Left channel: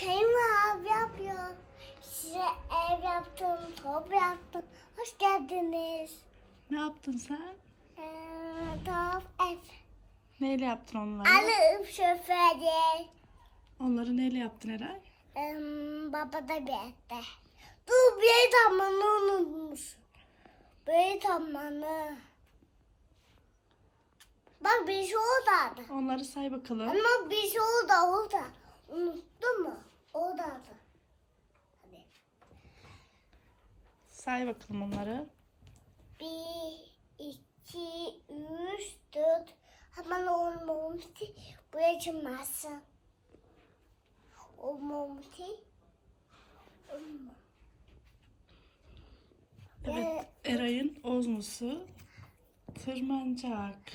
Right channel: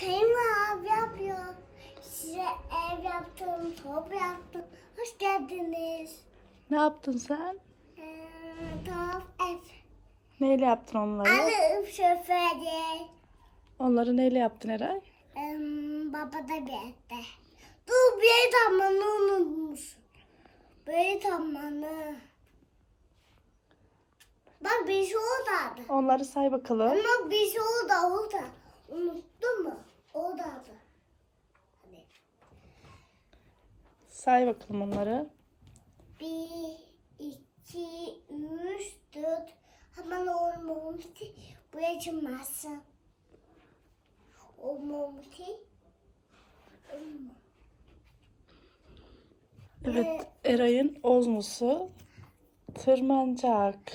kayınla abi yapıyor. Size ev yaptım, top yaptım. Hoş geldiniz. Ne yaptın sen? Ee, top ev. Neyle yaptın onları? Alıp şoförü. Onları neyle yaptın Eray? Ee, baba da bir ette. Dur bir tamamını unutmuşsun. Bir tamamını. Bak bir şey oradadı. Onları say bakalım. Ama bir şey orada orada. Unuttun Say bakalım onları. Bir, iki, üç, dört. Hemen olmamıştı. Buraya çıkmazsın. Olmamıştı. Olma. Evet, Eray'ın ozmosu tırmanacak.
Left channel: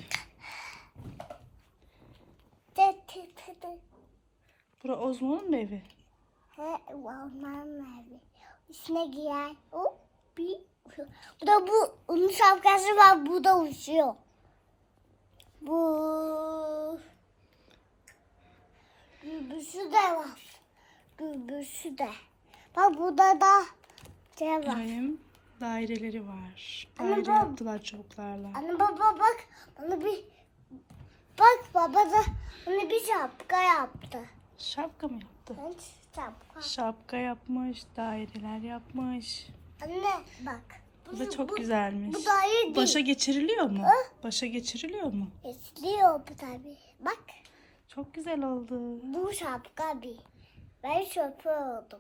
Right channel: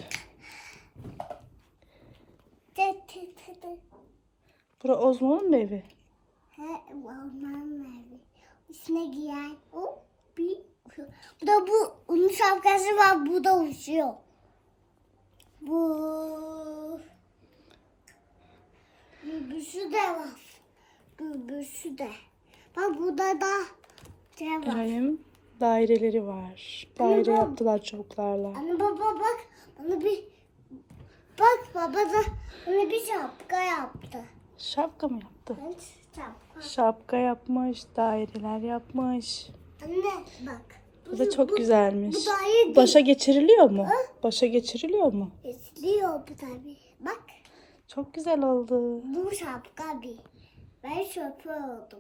Tı tı tı tı. Bura Ozmo'nun mu evi? He, olmam abi. Üstüne giyer. O bir Bu da bu onun şapkası var. Bu da uçuyor. Bu Gürbüsü de var. Gürbüsü de. Bak burada da şey var. Eray'ın daireleri var. Daire bab- yaptılar çubuklarla. Anne baba bak. Bana bir Bak baba da bana bir şapka yaptı. Şapka mı yaptı? Ben şapka. Şapka yapmış, daireler yapmış. Anne bak. Bu da çok güzelmiş. Bu da iyi değil. Başa geçiriliyor mu? Başa geçiriliyor mu? İstiyor bu tabii. Bak Çok güzel oldu. bu şapka bir. Ben şoför oldum.